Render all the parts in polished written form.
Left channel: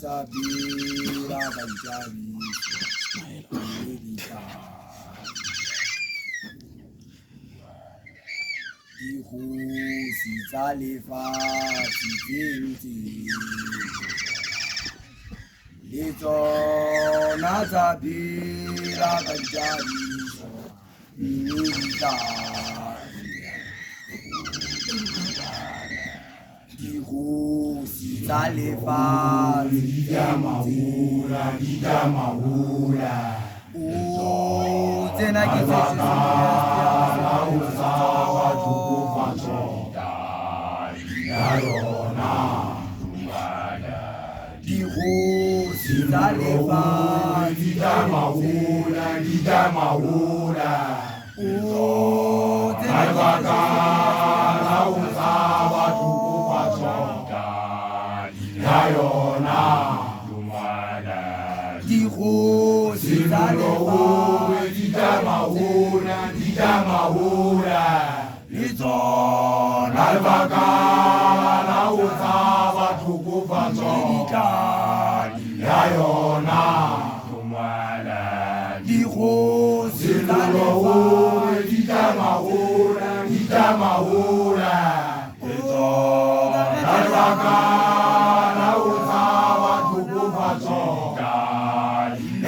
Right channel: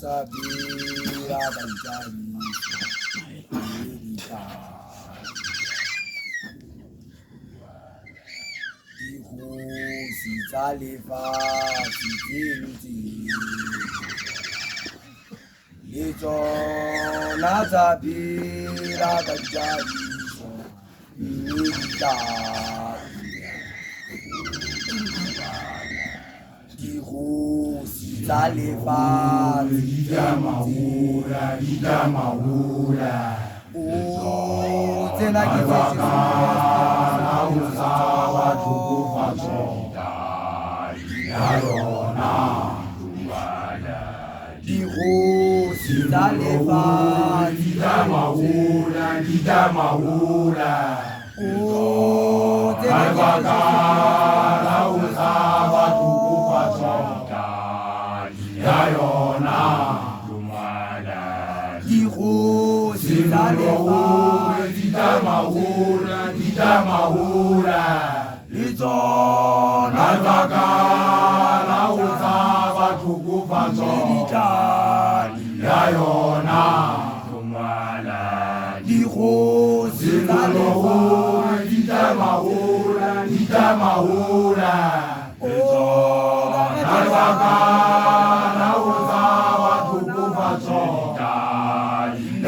tsapela ka dikgosi tsa lefatshe tse ntseng le tsona tsa phela ka dithabiso mme dikgosi tsa lefatshe di tamahola tsena ke tse dikgosi tsa lefatshe di tamahola dikgosi tsa lefatshe di tamahola le tsona baka la ho tsaba tlhokofatso ya yona dikgosi tsa lefatshe di tamahola le tsona baka la ho tsaba tlhokofatso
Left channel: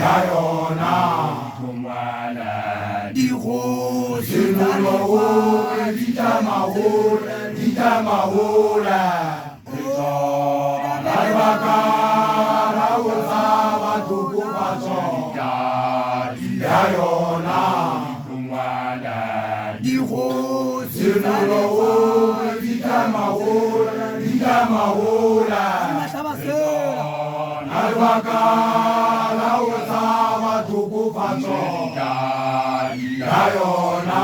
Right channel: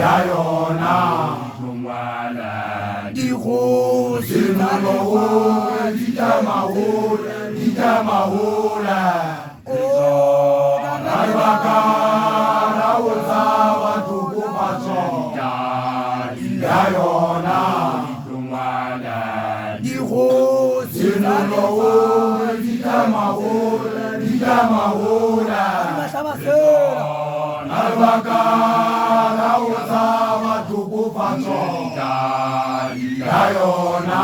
ya yona dikgosi tsa lefatshe di tamahola baka la ho tsaba tlhokofatso ya yona dikgosi tsa di tamahola baka la ho tsaba tlhokofatso ya yona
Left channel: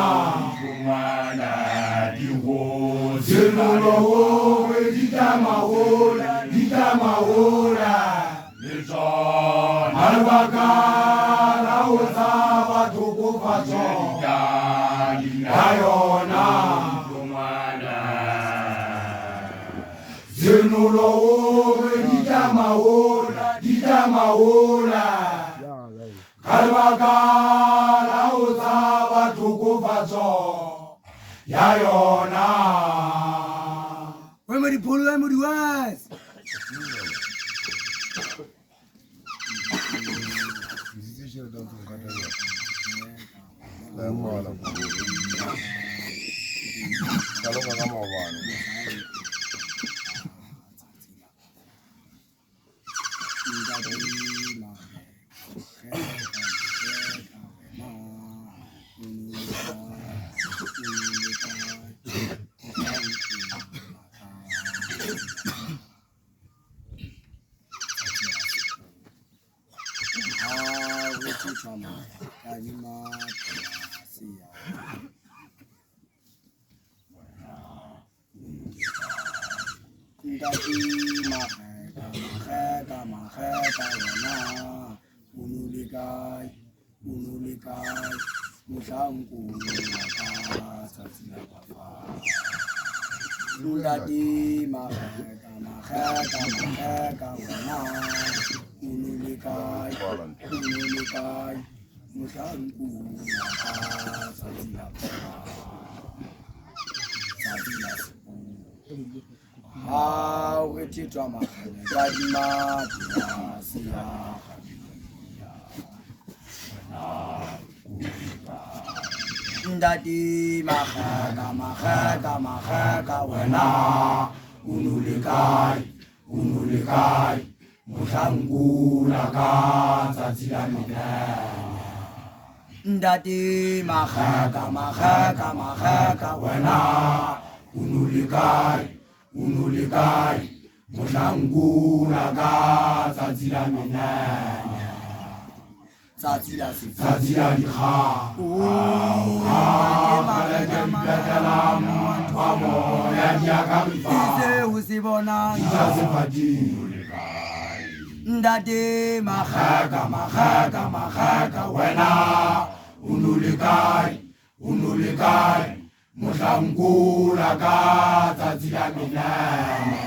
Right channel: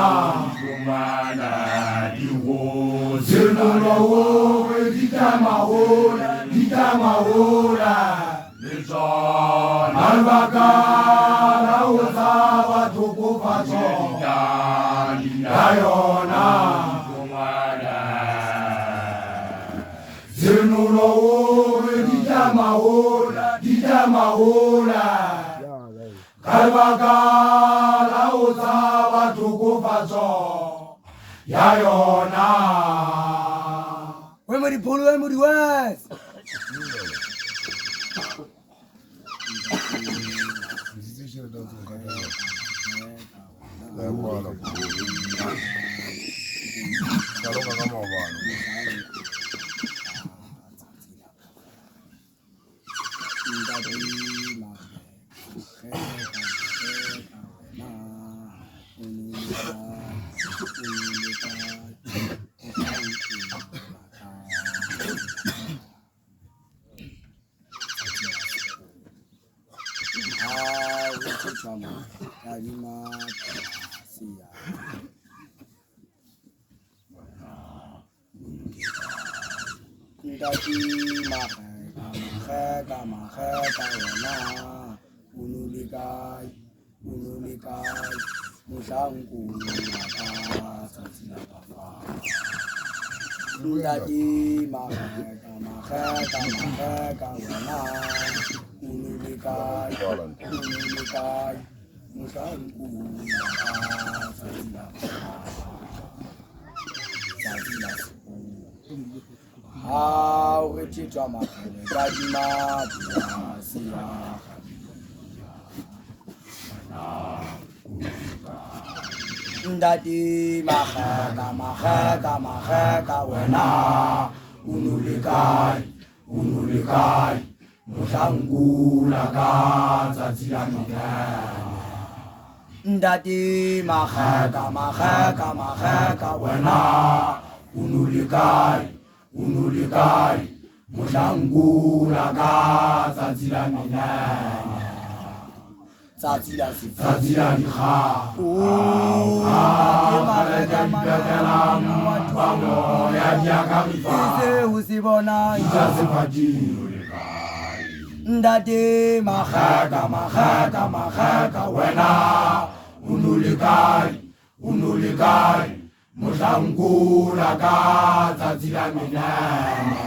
di tamahola le tsona baka la ho tsaba tlhokofatso ya yona di tamahola ka baka la ho tsaba tlhokofatso ya yona. we mo dipholo we mo diwase ndati magaka wena unulikai muhlangula ka tsatsi la minene ndati magaka wena unulikai muhlangula ka tsatsi la minene tsatsi la dikga ya diakabifase o se bona ndate magaka wena unulikai mohlangula ka tsatsi la minene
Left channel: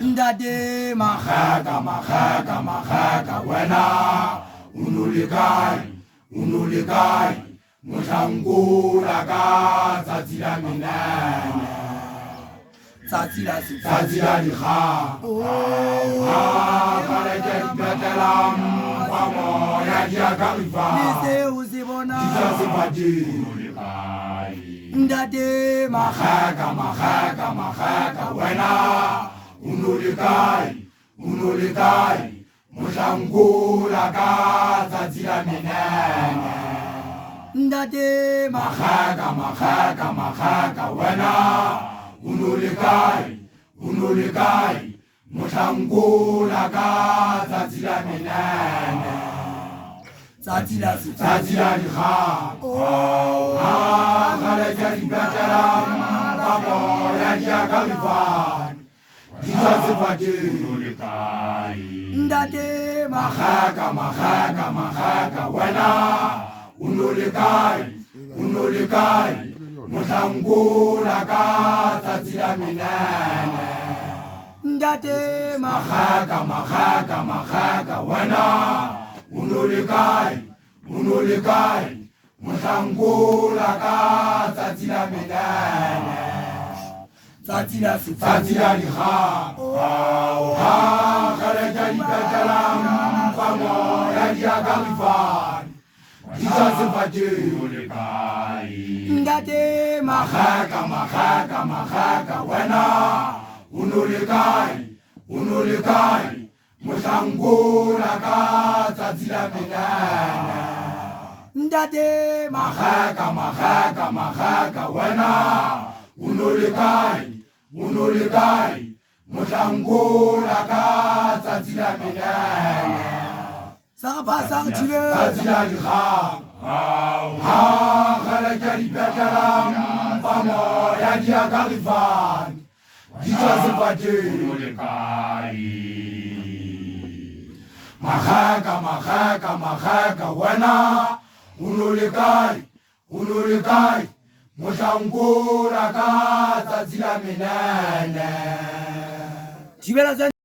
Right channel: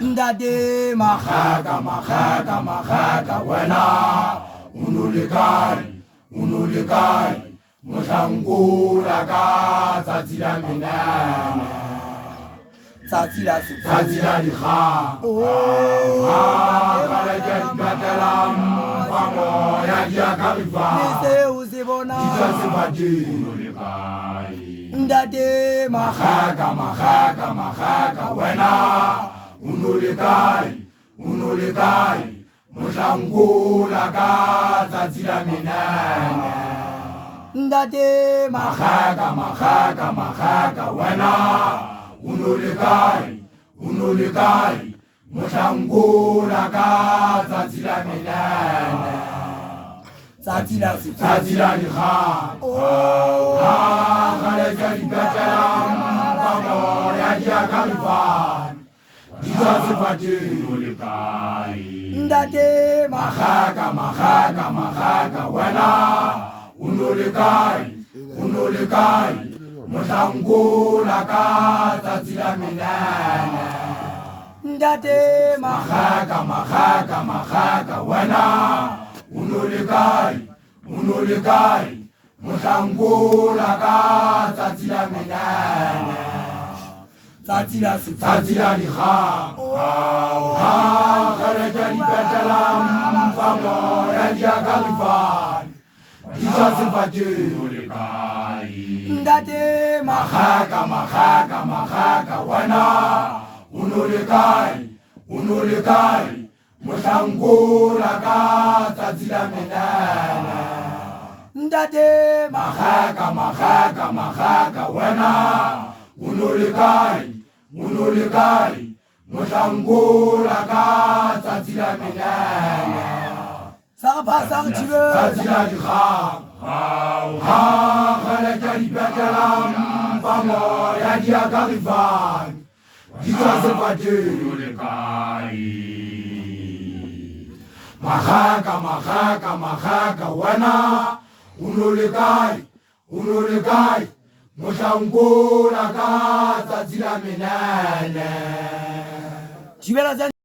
Ndate Magaka, magaka, magaka, wena unulikai Mohlankula ka tsatsi la menene tsatsi la se tsatsi la dikgang ka le ke dipetlelang fa moya di ya ka le mefala seo se bona di tswa sefateng Ndate magaka magaka magaka wena unulikai Mohlankula ka tsatsi la menene Ndate magaka magaka magaka wena unulikai Mohlankula ka tsatsi la menene tsatsi la se tsatsi la dikgang ga le ka dipetlelang fa moya di ya ka mefane di tswa sefateng Ndate magaka magaka magaka wena unulikai Mohlankula ka tsatsi la menene Ndate magaka magaka magaka wena unulikai Mohlankula ka tsatsi la menene tsatsi la se tsatsi la dikgang ga le ka dipetlelang fa moya di ya ka mefane di tswa sefateng Ndate magaka magaka magaka wena unulikai Mohlankula ka tsatsi la menene Ndate magaka magaka magaka wena unulikai Mohlankula ka tsatsi la menene sa ga phasa ga thibe tsatsi la dikgang ga le ka dipetlelang fa moya di ya ka mefane di tswa sefateng magaka magaka magaka wena unulikai Mohlankula ka tsatsi la menene thibela